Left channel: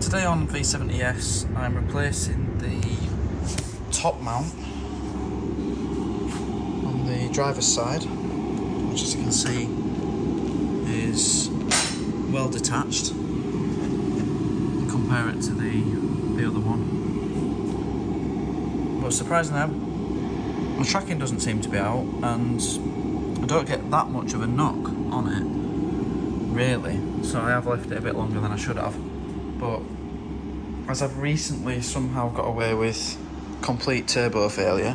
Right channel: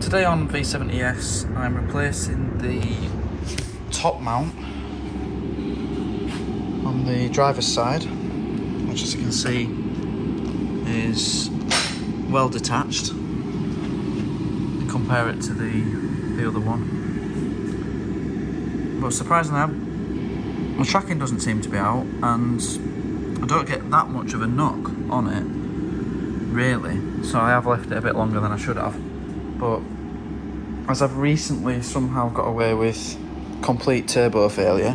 Today on V70S I'm replacing the top mount on the driver's side, which as you can see is well detached. Compare it to the other one. But surprisingly, my tracking doesn't seem to be out and I don't get that much of a knock on it, really. So I have left it a bit longer than I should have. But as I've recently somehow got away with complete turbo failure,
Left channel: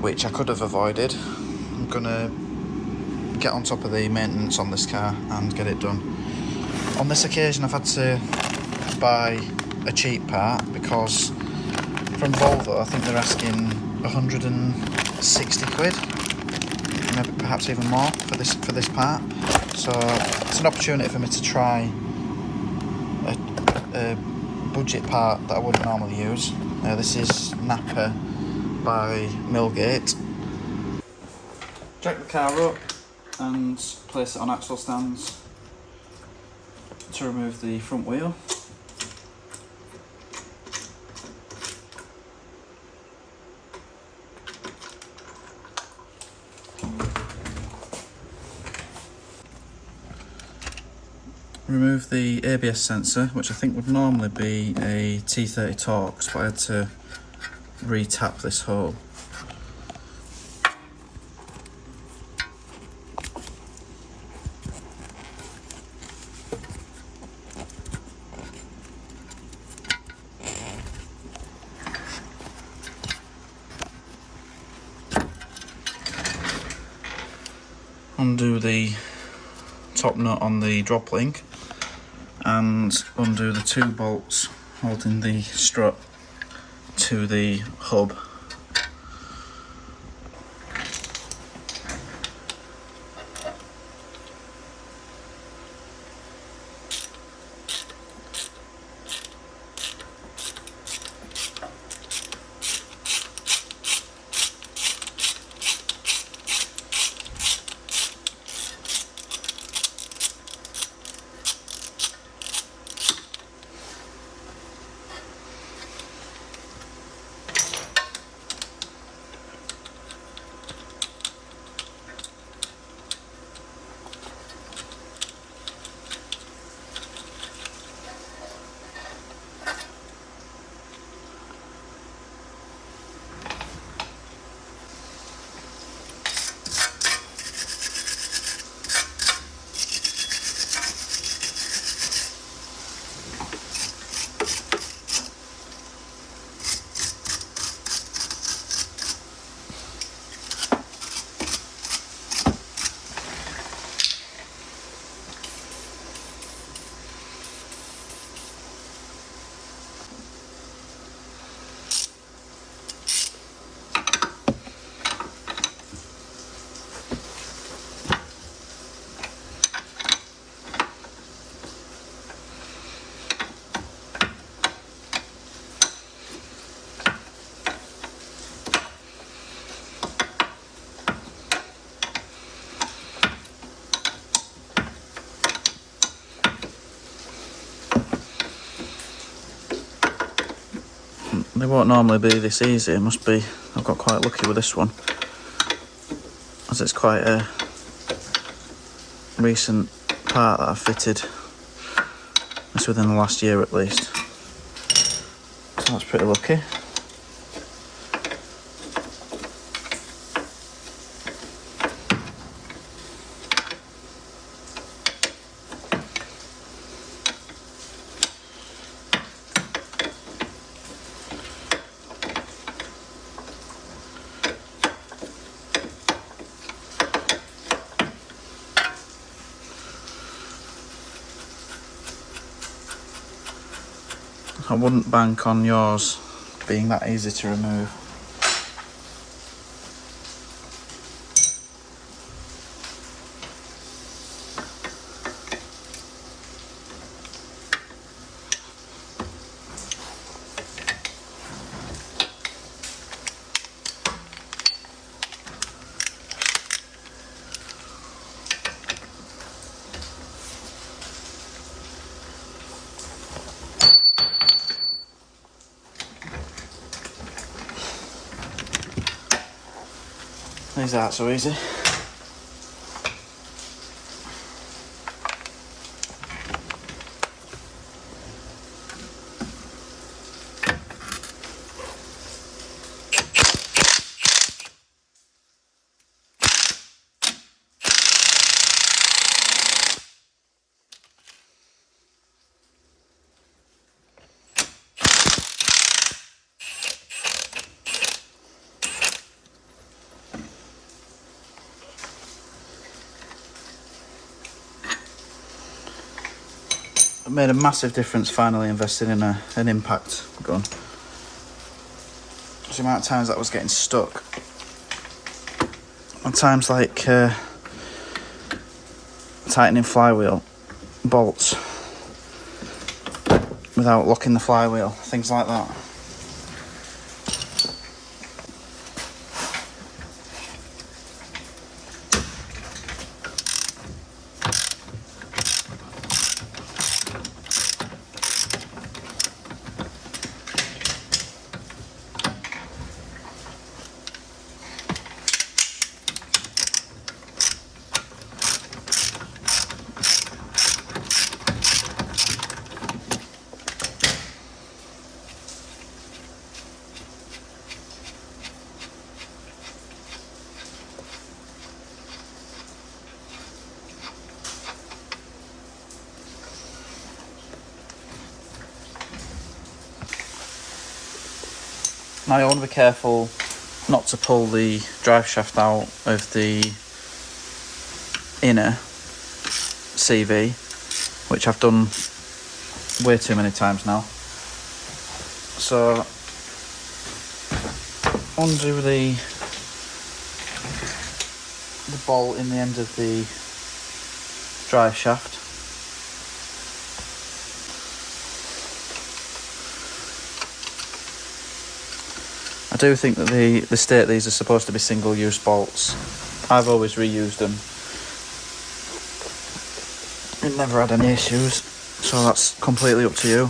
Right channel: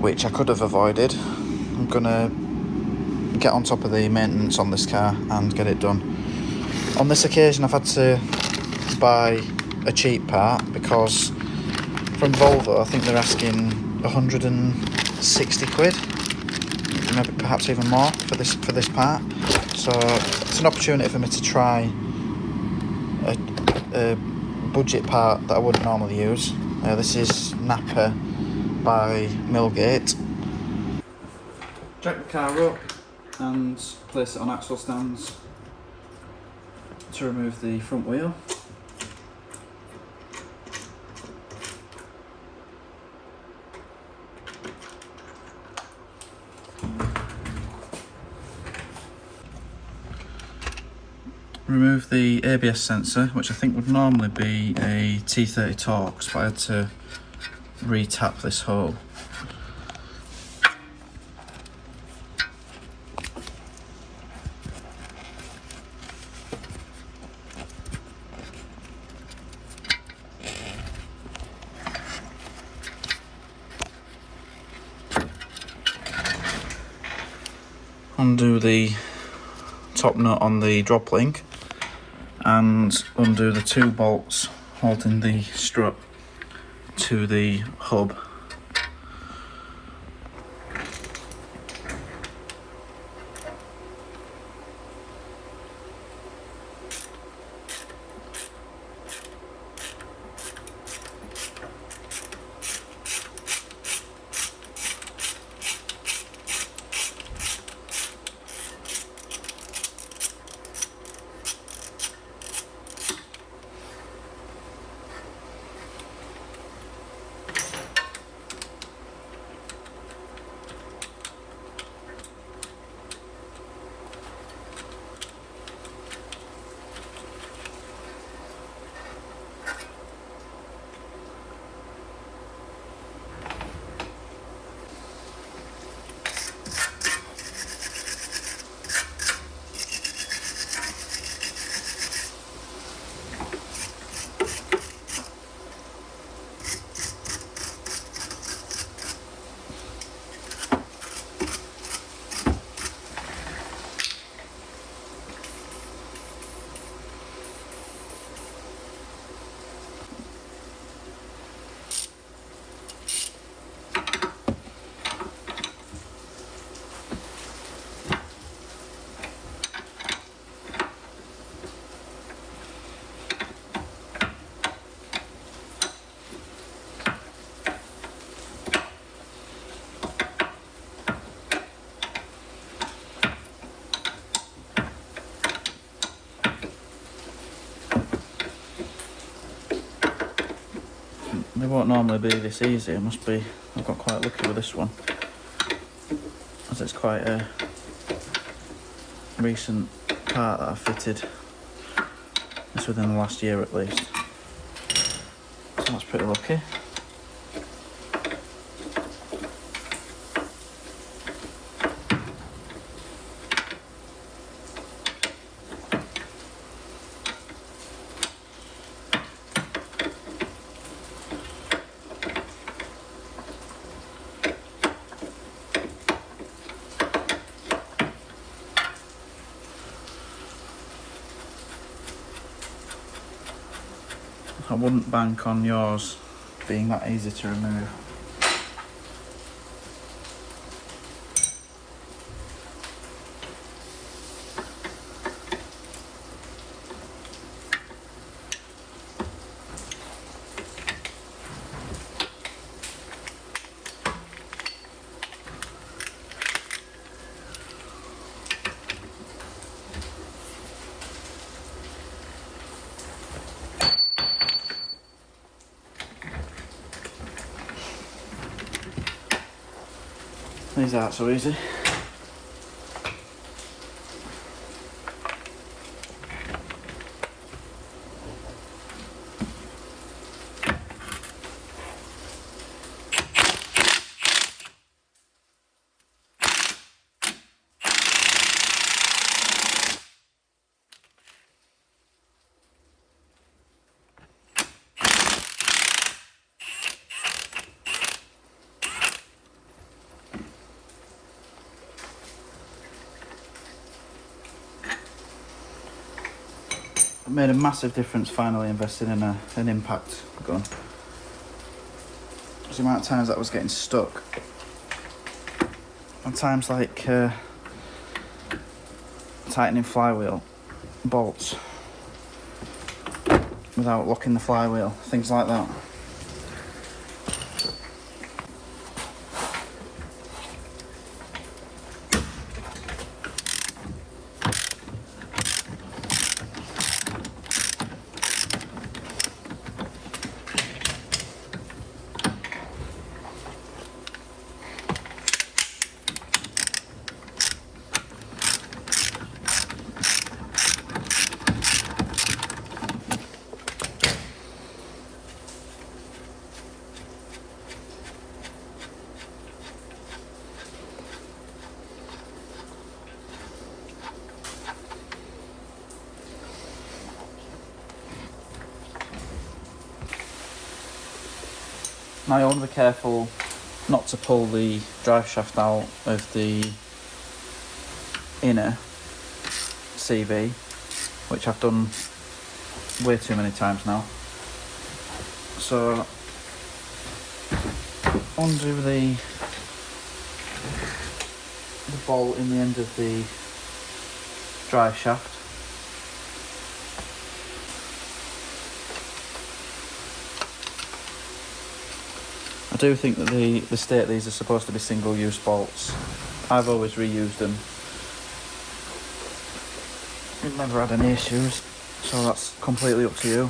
which I could have avoided, I'm gonna get on top of the maintenance on this car and get it done. On this occasion I've had to buy a cheap part because from Volvo I think they're asking 160 quid, maybe perhaps even more for this part. So it's an opportunity for me to try a budget part that I wouldn't normally use. This is NAPA by Millgate. Jack the car up and place it on axle stands to remove the front wheel. Remove the ABS sensor, which I think would normally be a T30 Torx, but I had to re-tap this hole. Undo the top nut on the drop link and undo the two bolts holding the strut to the hub. They won't normally be this easy. It must be, I've got quite lucky with this one, as it's quite a recent part that I've fitted. It's within the last year at least, so that's pretty lucky. I wouldn't bank on yours being that easy to remove. These aren't so easy. It made a massive difference finally investing in an impact gun. The amount of times that was getting stuck. And times like tightening flywheel bolts without locking the flywheel, things like that. Now you want to be careful not to pull the drive shaft out of the inner CV, which I've done way too many times now. So undo the bolt in the end of the drive shaft. I do think that the state these are supposed to be single-use bolts. I've always reused them and never had any issues, so that's completely up to you.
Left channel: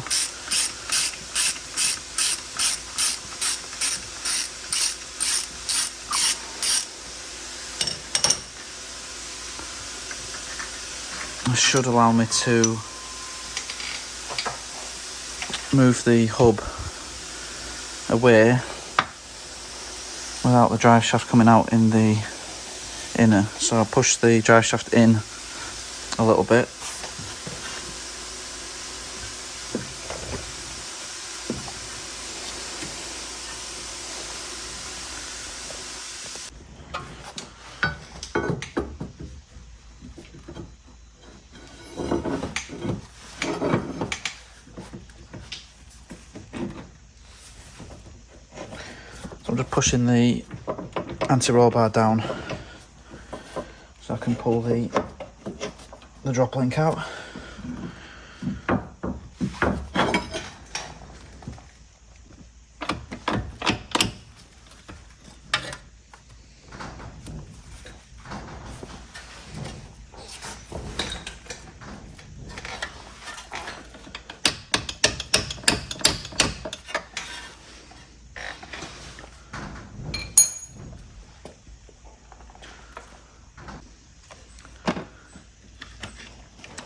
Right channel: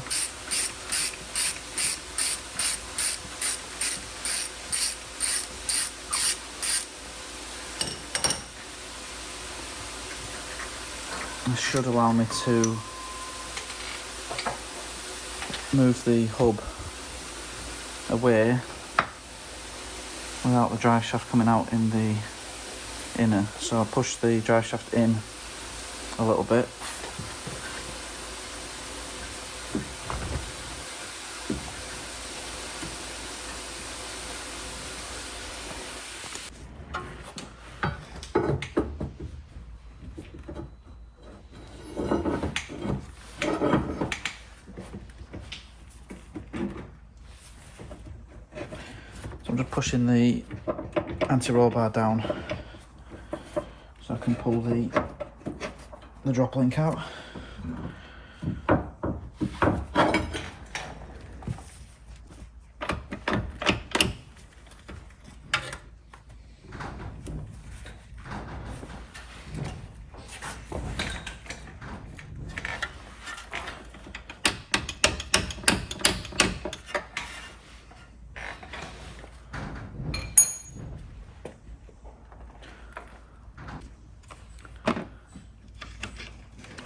This should allow me to move the hub away without the drive shaft coming out in the inner. So I push the drive shaft in a little bit. I'm just pushing the anti-roll bar down so I can pull the drop link out.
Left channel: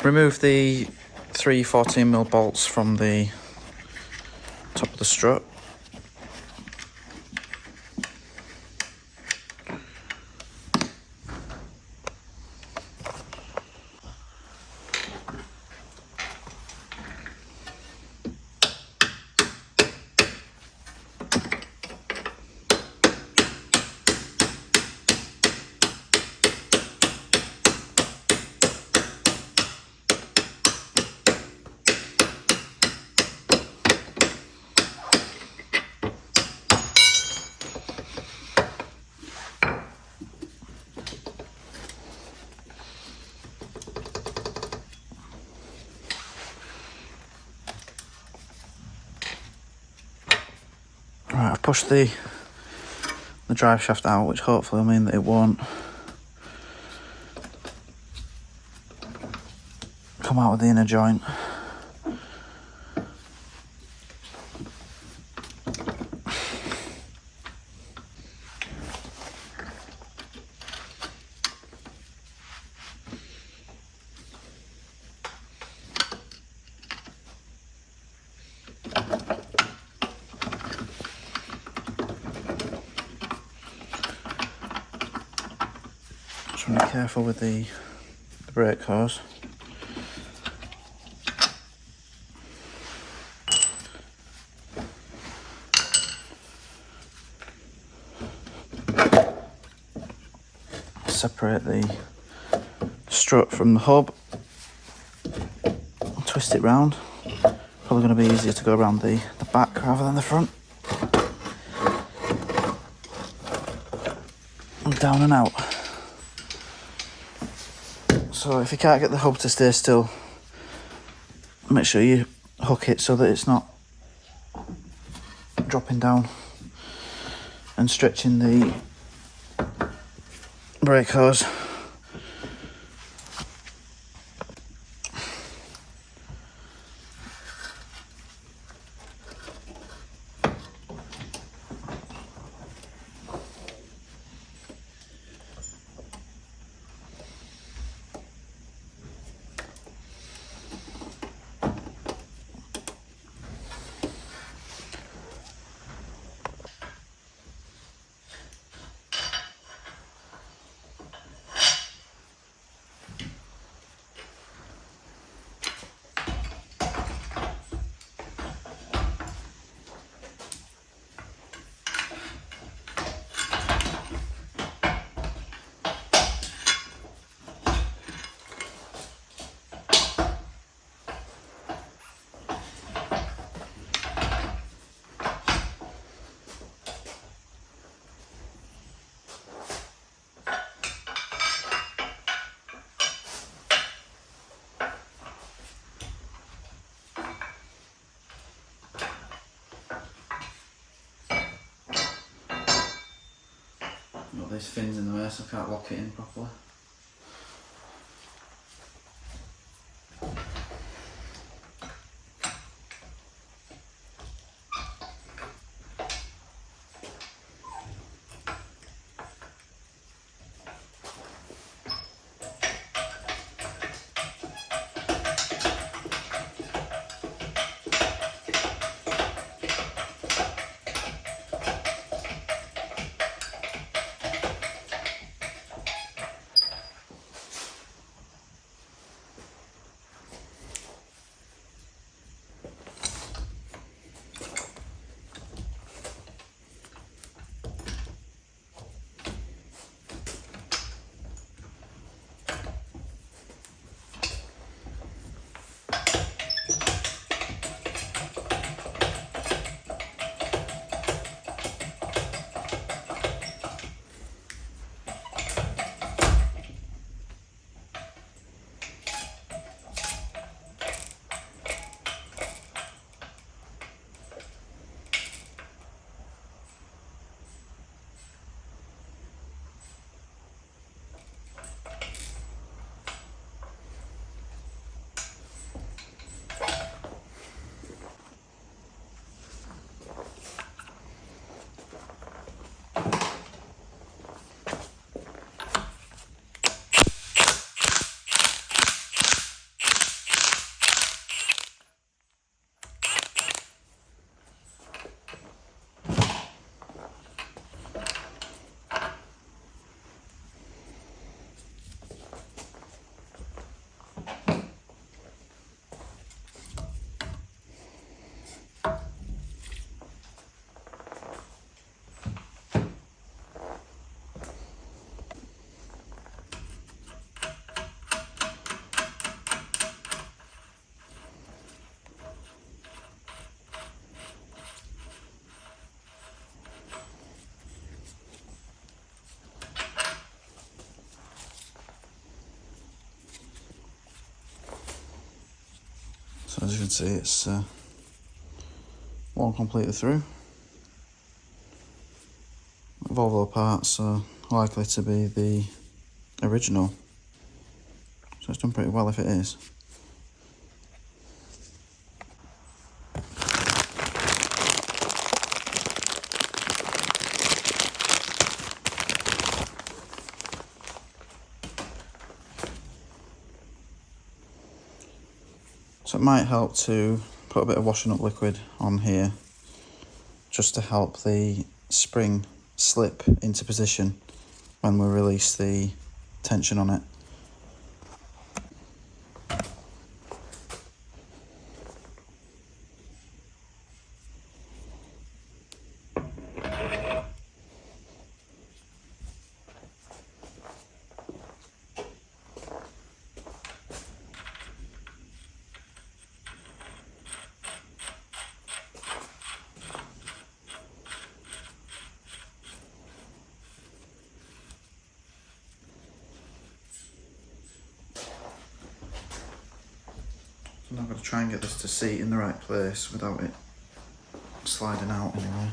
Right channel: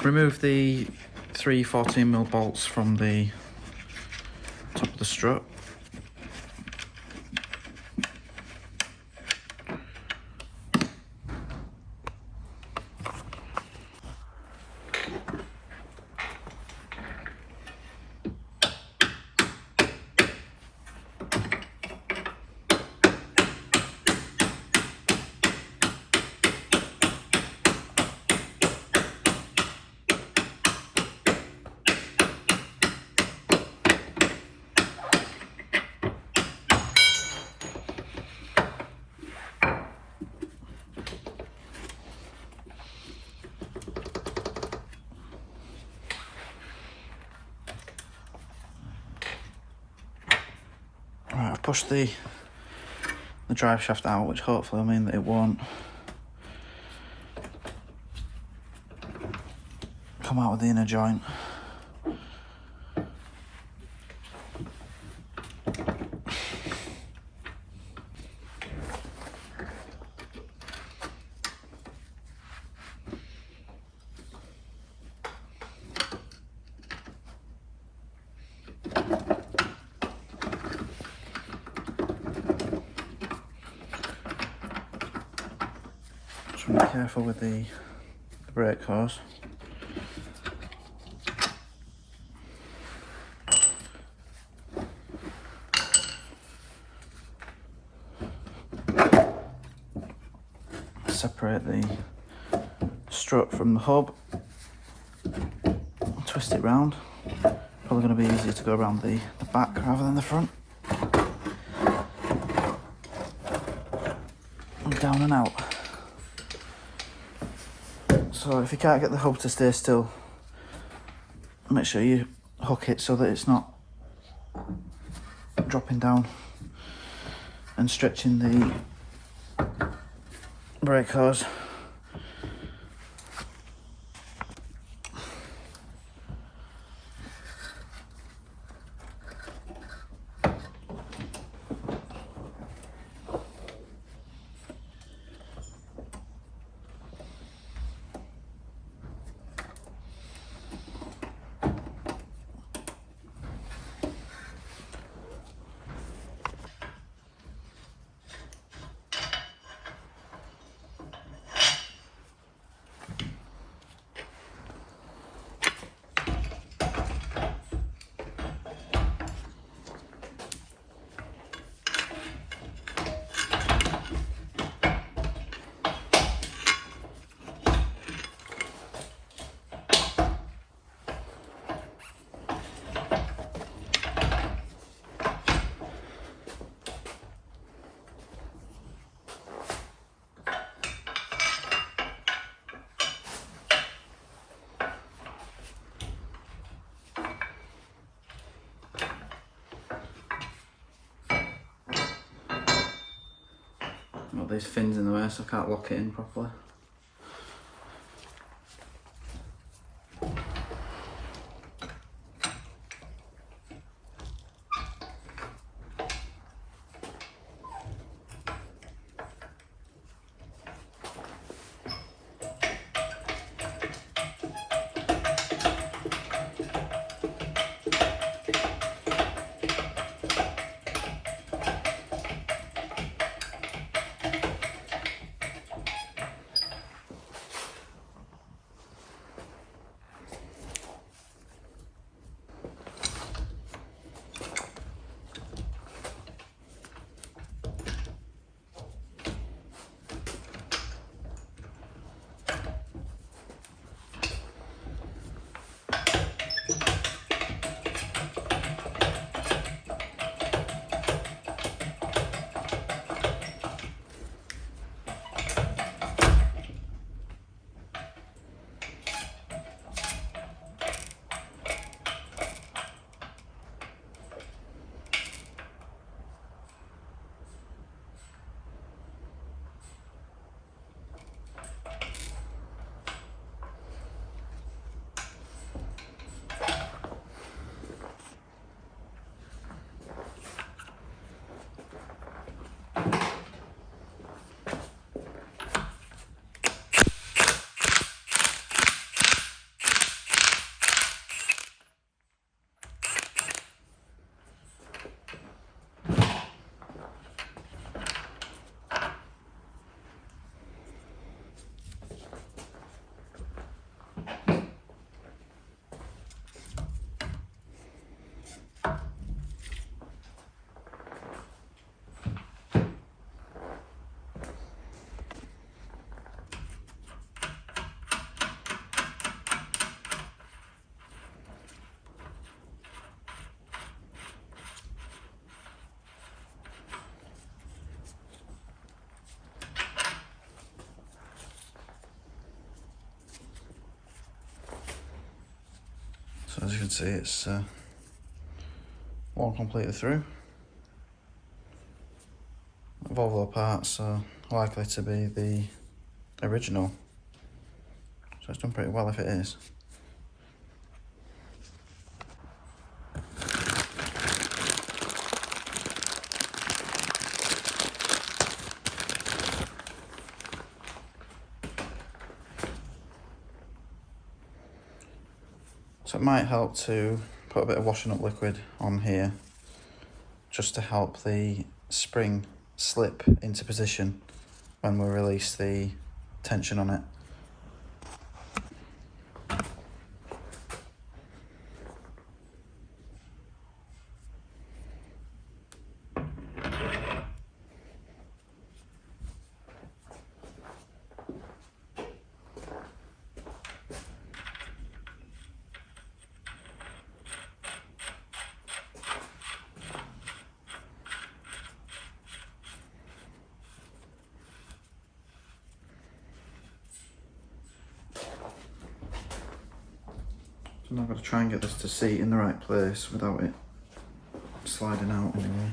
Remove the 3 14mm bolts from the top of the strut. Right, I've pushed the drive shaft out, which hopefully will mean that it won't come out of the inner joint. careful with the brake hose. Separate the strut from the hub, twist it round. Probably going to be easier to go around the back rather than the front. And down and out. So if you can't get the hub to stay still, make sure you hook it so that it's not dropping down and stretching the brake hose. Got these fins in the way so I can't lock it in properly. So as you can see, it's all completely through. Volvo parts are likely to be the original, so it's done pretty well if it is. So it might help to put a bit of washing up liquid on here just to help the spring slip into position when we release the tension on it. So now I've got to try and get this to seat in the right place without it sliding out in the way.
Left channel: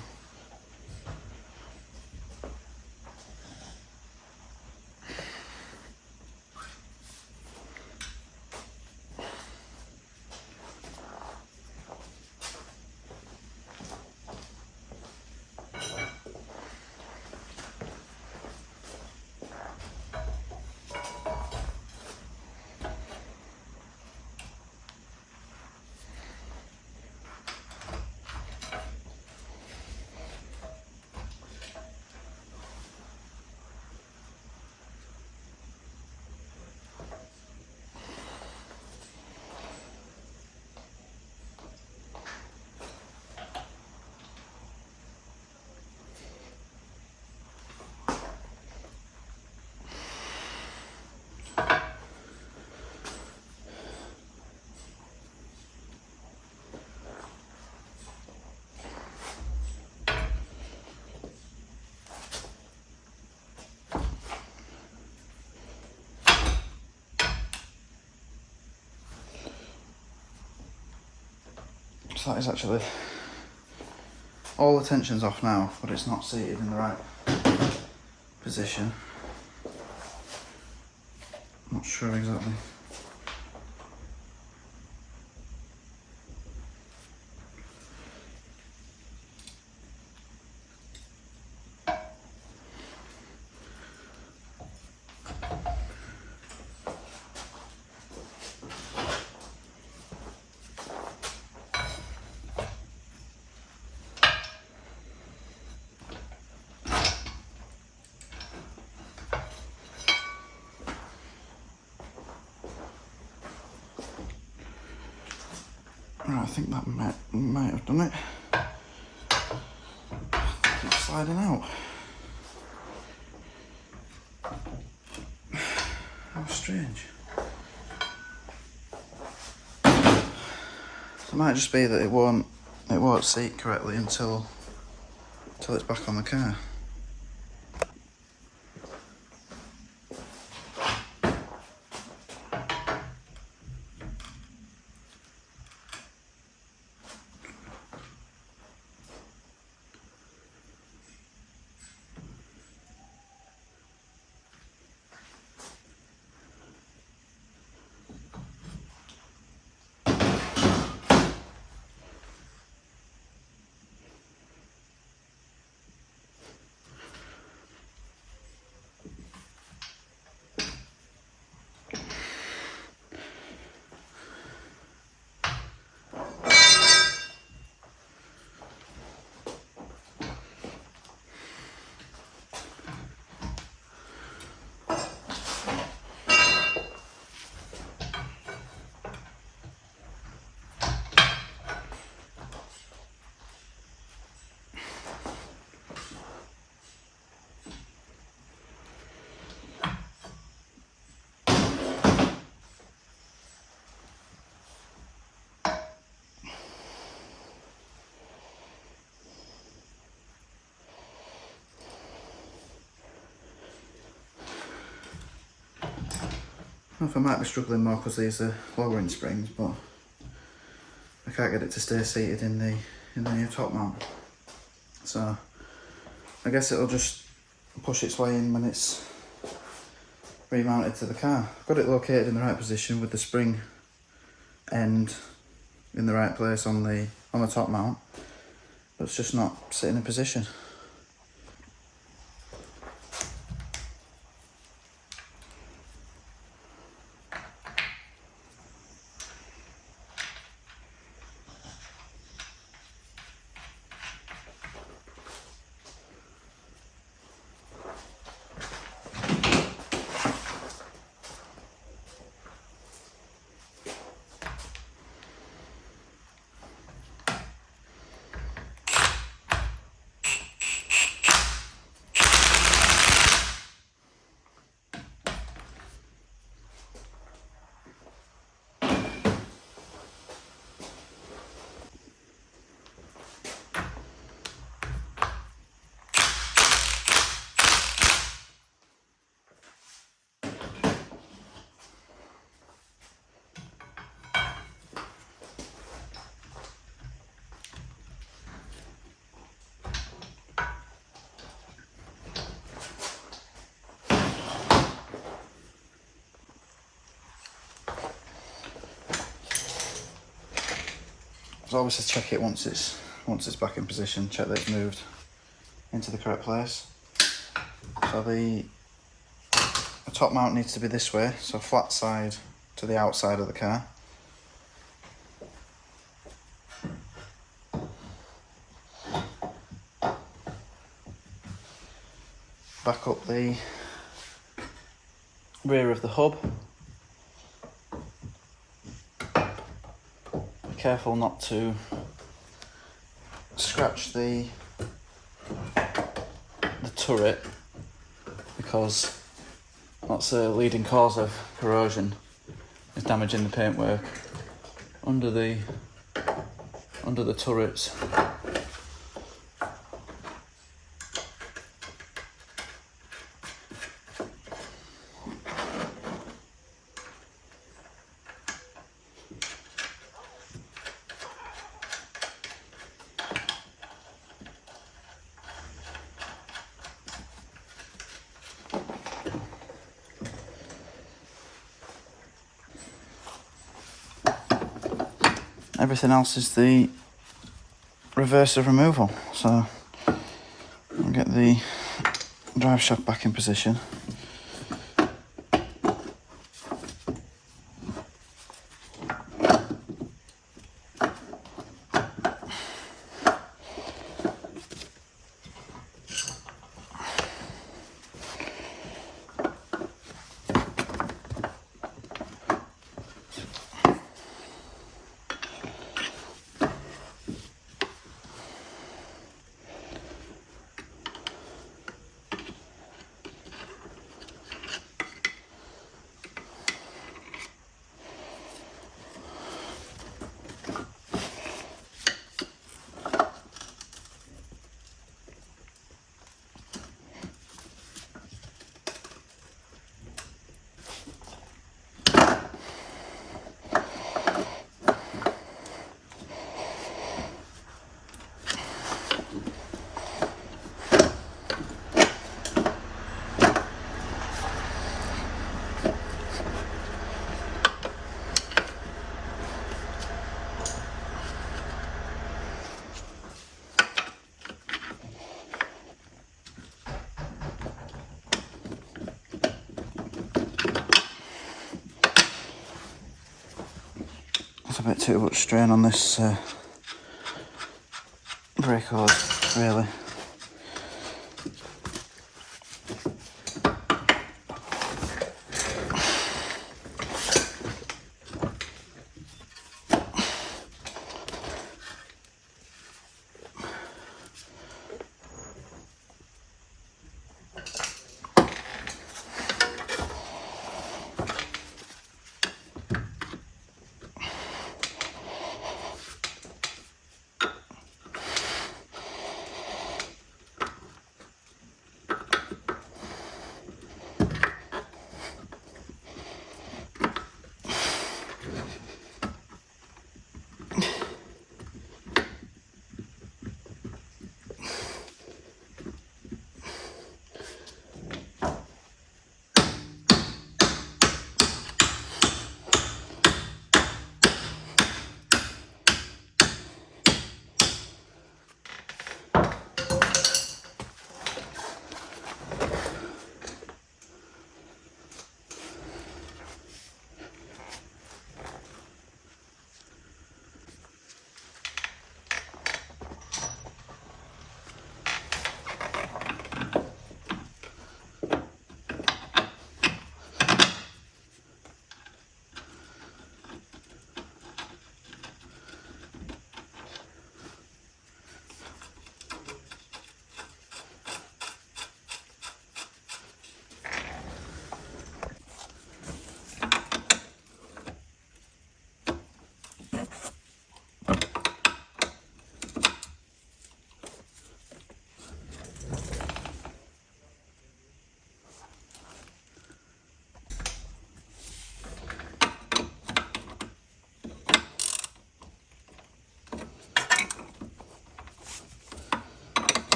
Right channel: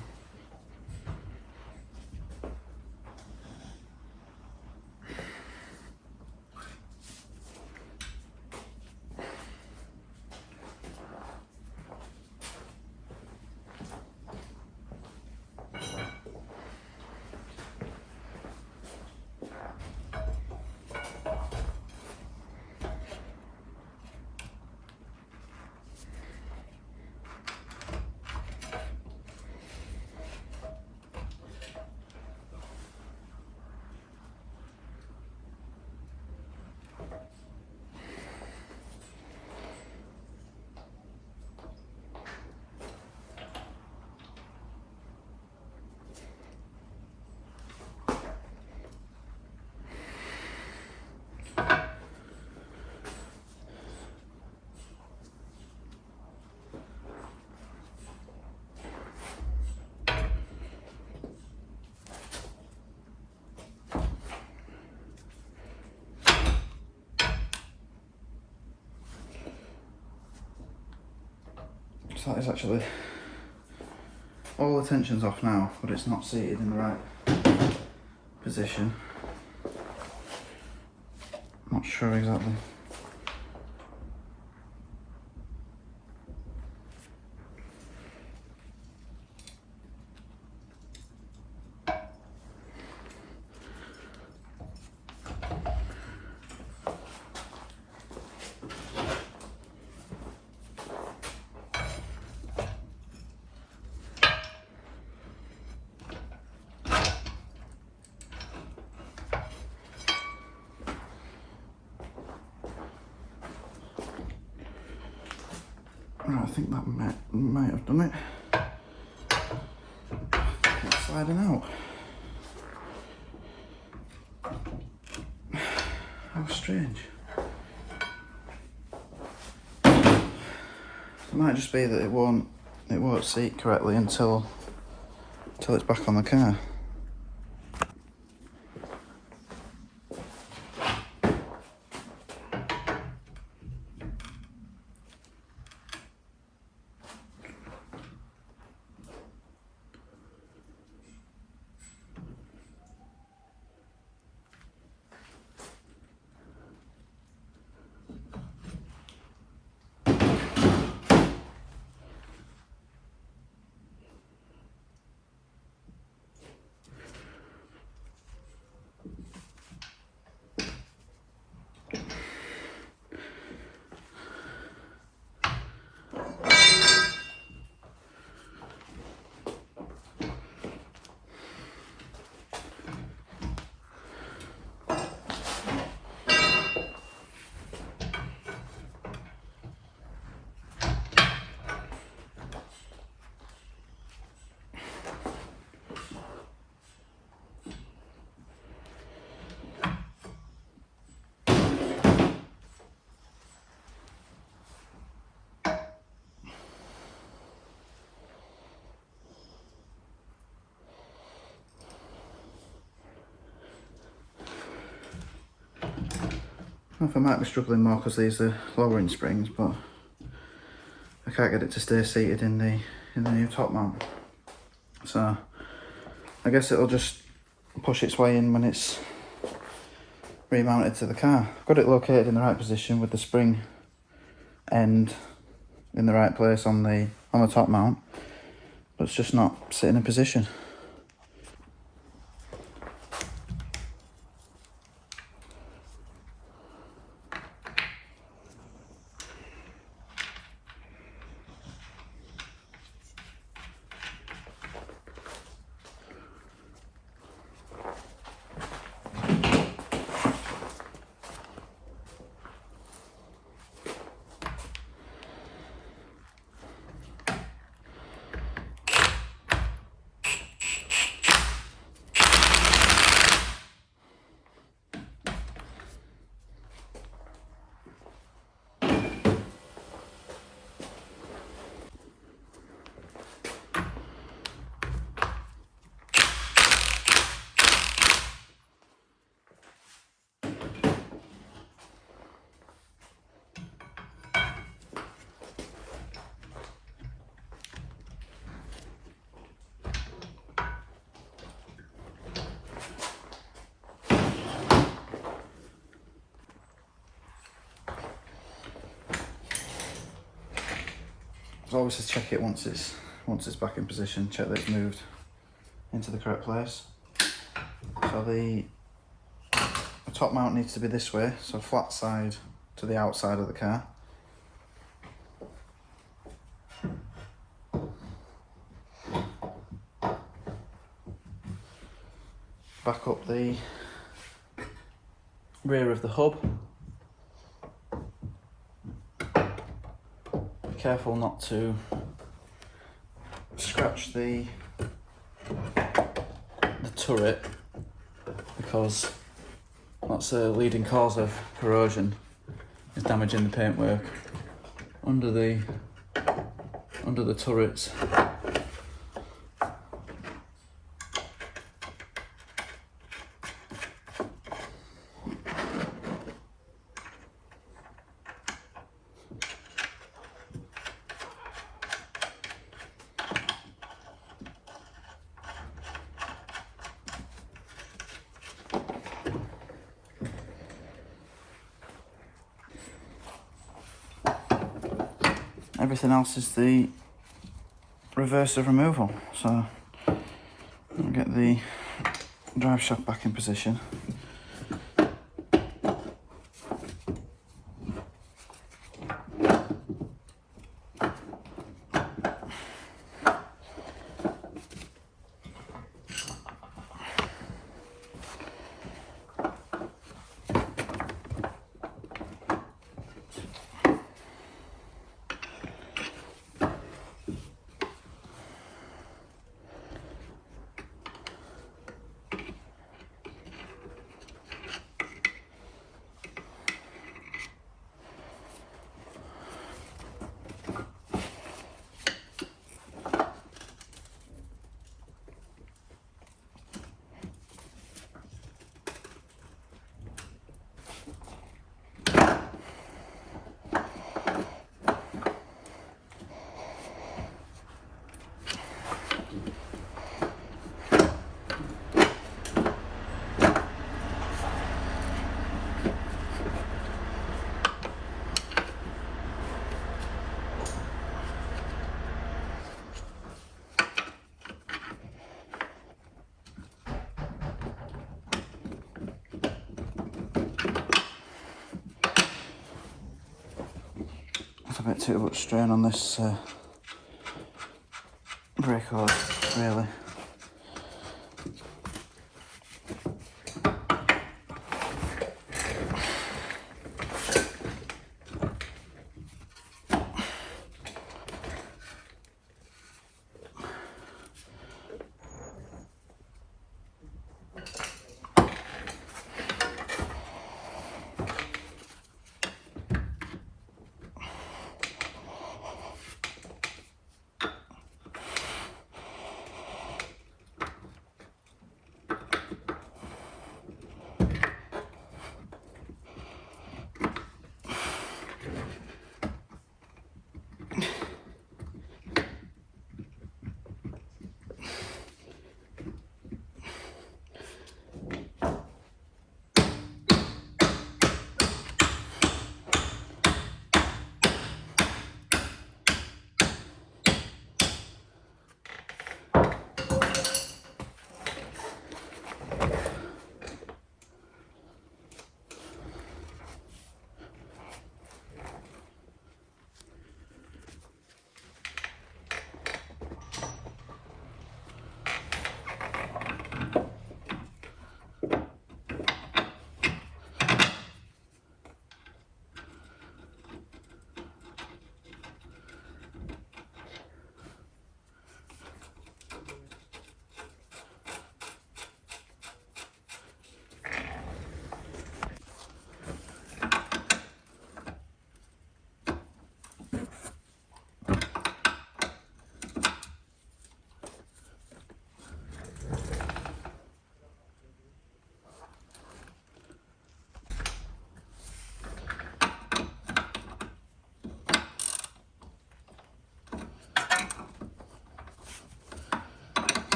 So that is actually, all the tension's off now, but it's not seated in the right position. Not sure exactly. Right, I think that might have done it. It's sliding out. How strange. It might just be that it won't seat correctly until it's back on the car. I don't know if I might be struggling more because these are lowering springs, but I can't get it to stay seated in the new top mount. So I guess it'll just push its way in when it's remounted to the car. I've got it located in the right position with the spring end in the right place on the top mount, but it's just not sitting in position. So obviously check it once it's back in position, check that it's moved into the correct place. So the top mount needs to be this way, so flat side to the outside of the car. Back up the rear of the hub. Be careful not to scratch the turret, because that's a leading cause of corrosion, is damaging the paintwork under the turrets. Everything else is the reverse of removal. So I'll get the drive shaft back in position. There's a bit too much strain on this brake hose, really.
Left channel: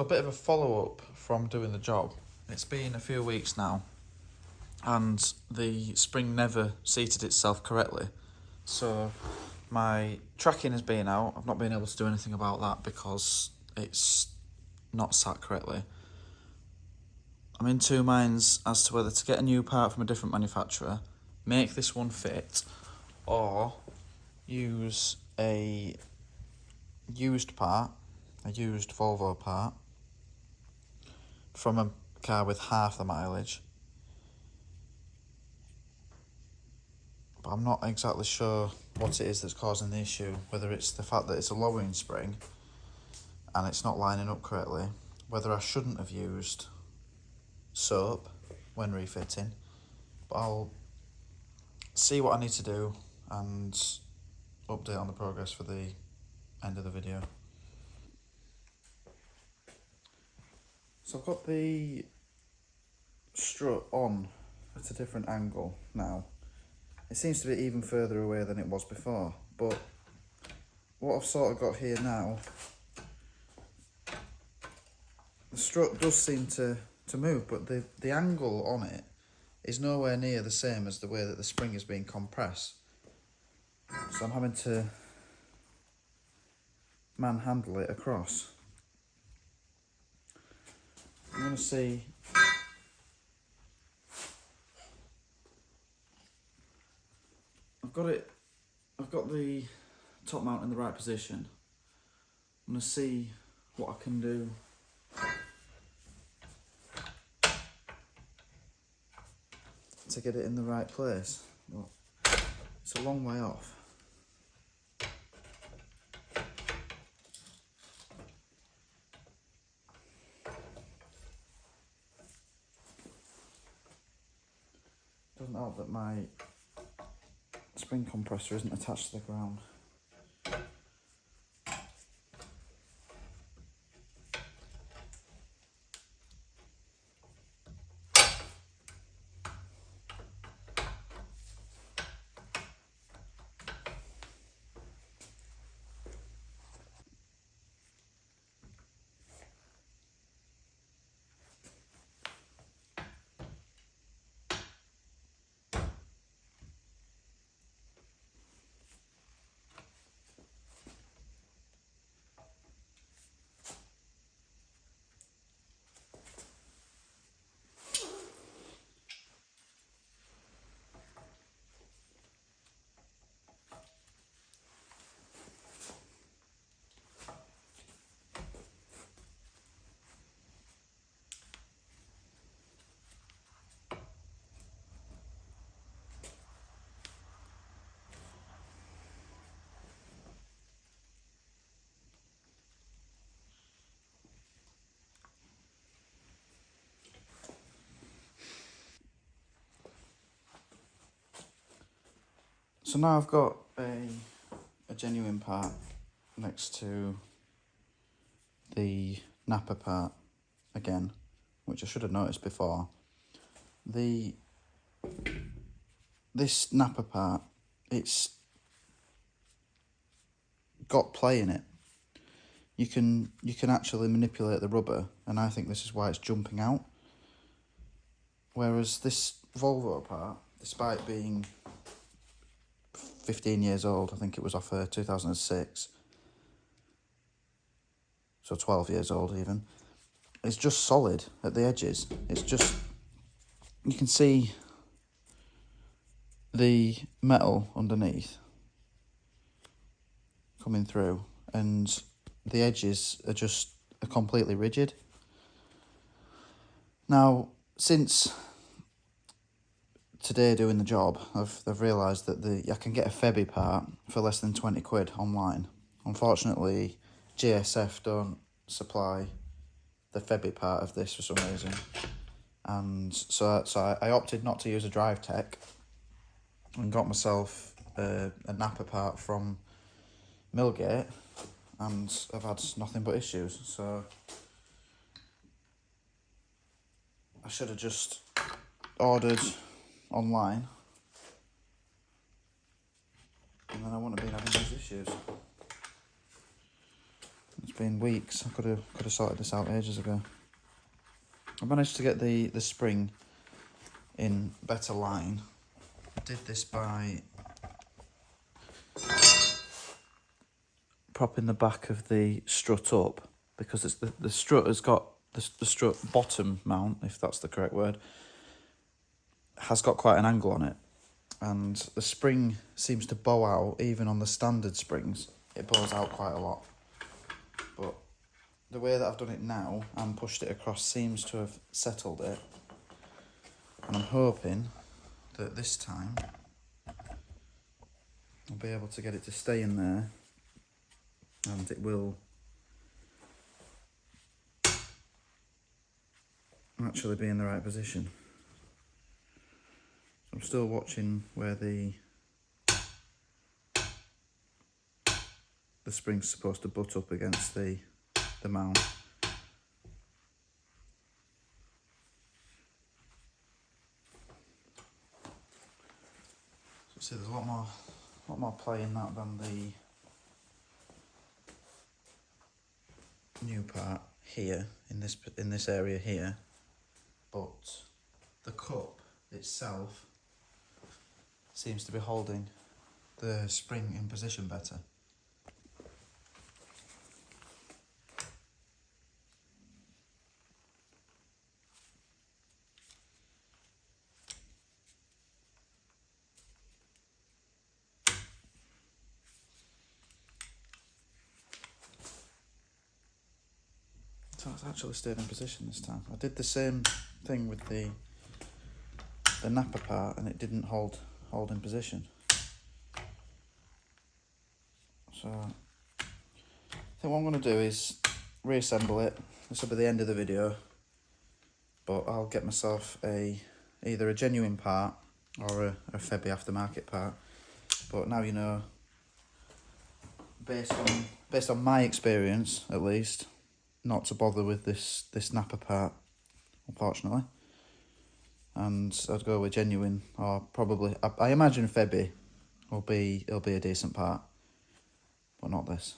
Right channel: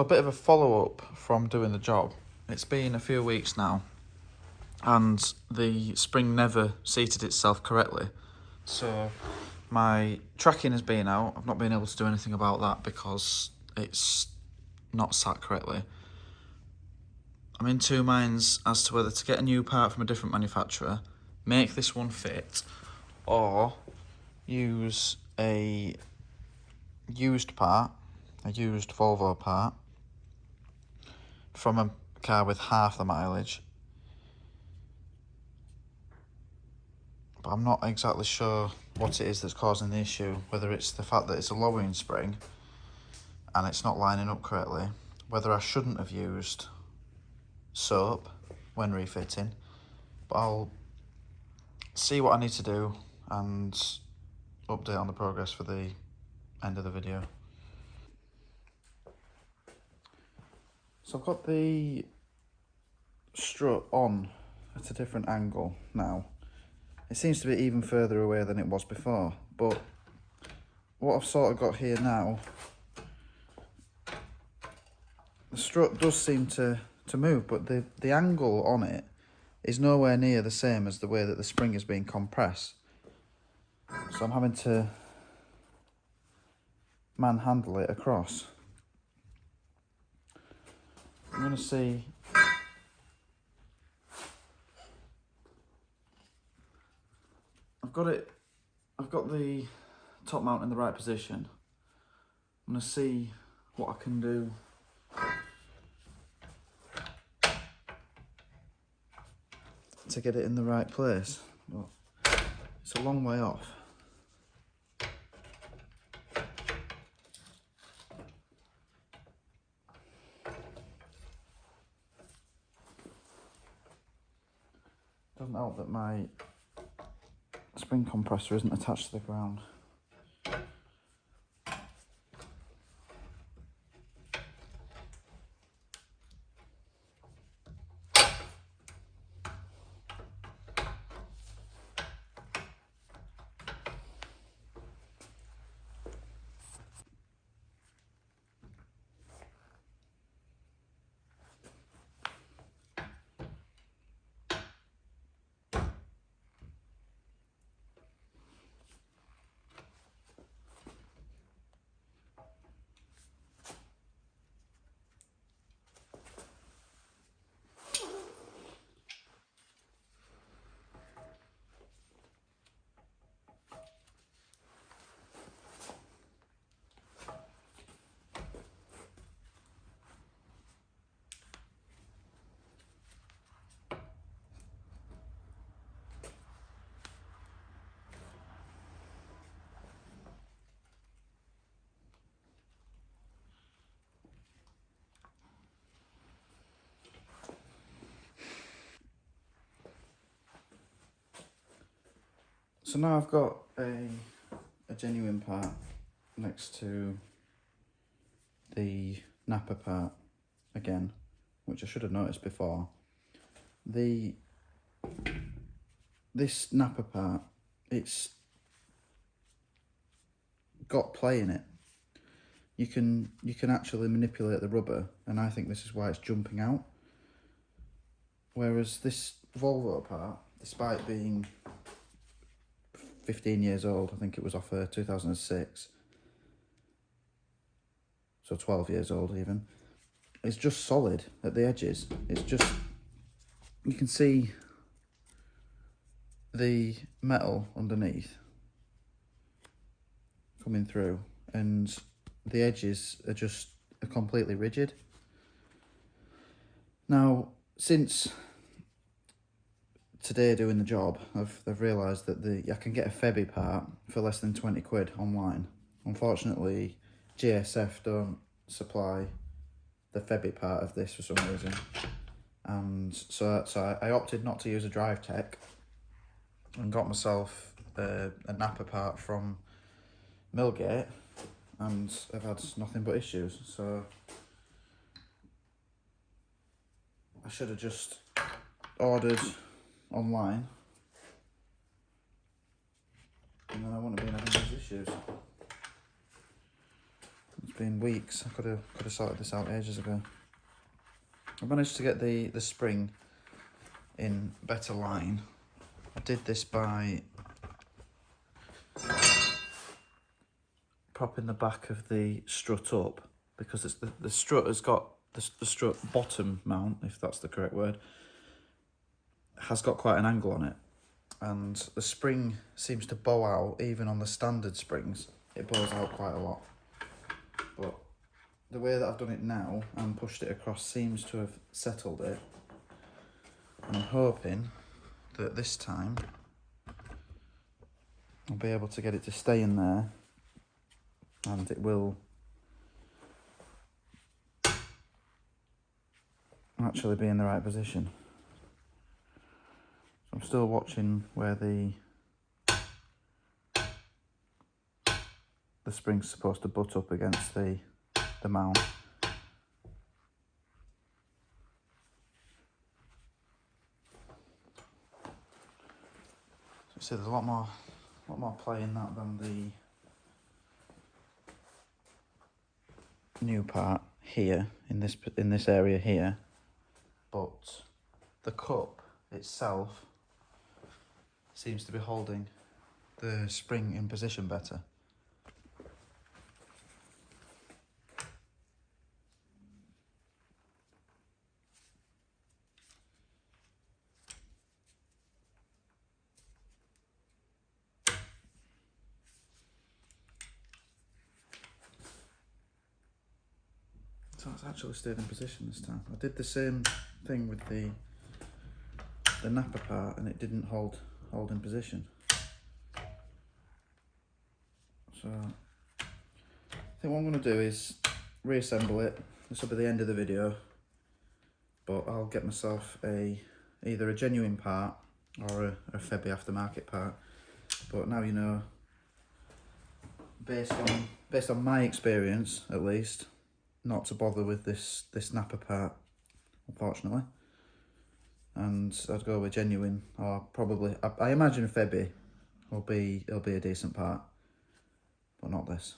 So a bit of a follow-up from doing the job. It's been a few weeks now and the spring never seated itself correctly. So my tracking has been out. I've not been able to do anything about that because it's not sat correctly. I'm in two minds as to whether to get a new part from a different manufacturer, make this one fit, or use a used part, a used Volvo part, from a car with half the mileage. But I'm not exactly sure what it is that's causing the issue, whether it's the fact that it's a lowering spring and it's not lining up correctly, whether I shouldn't have used soap when refitting, but I'll see what I need to do and update on the progress for the end of the video. So I've got the strut on at a different angle now. It seems to be even further away than it was before, but what I've sort of got here now, the strut does seem to move, but the angle on it is nowhere near the same as the way that the spring is being compressed. So I'm having to manhandle it across. I'm going to see I've got the top mount in the right position. I'm going to see what I can do to get it in the right place. Well, it's a long way off. Doesn't help that my spring compressor isn't attached to the ground. So now I've got a genuine part next to the NAPA part again, which I should have noticed before. This NAPA part, it's got play in it. You can actually manipulate the rubber, and I think this is why it's jumping out. Whereas this Volvo part, despite being 15 years old, I think it was off 2006, so 12 years old even, it's just solid at the edges. It's just, you can see the metal underneath coming through, and the edges are completely rigid. Now, since today doing the job, I've realised that I can get a Febby part for less than 20 quid online. Unfortunately, GSF don't supply the Febby part of this for some reason, and so I opted not to use a drive tech and got myself a NAPA part from Millgate, and I've had nothing but issues. So I should have just ordered online, and then I wouldn't have been having these issues. Let's been weeks. I could have sorted this out ages ago. I managed to get the spring in better line. I did this by propping the back of the strut up, because it's the strut has got the strut bottom mount, if that's the correct word, has got quite an angle on it, and the spring seems to bow out. Even on the standard springs, it bows out quite a lot, but the way that I've done it now and pushed it across seems to have settled it, and I'm hoping that this time I'll be able to get it to stay in there, and it will actually be in the right position. I'm still watching where the spring's supposed to butt up against the mount. So there's a lot more play in that than the new part here in this area here, but the cup itself seems to be holding the spring in position better. So it's actually stayed in position this time. I did the same thing with the NAPA part, and it didn't hold in position. So I think what I'm going to do is reassemble it. This will be the end of the video, but I'll get myself either a genuine part or a Febby aftermarket part. But now you know, based on my experience at least, not to bother with this NAPA part, unfortunately. And I'd go with genuine, or probably I imagine Febby will be a decent part, but not this.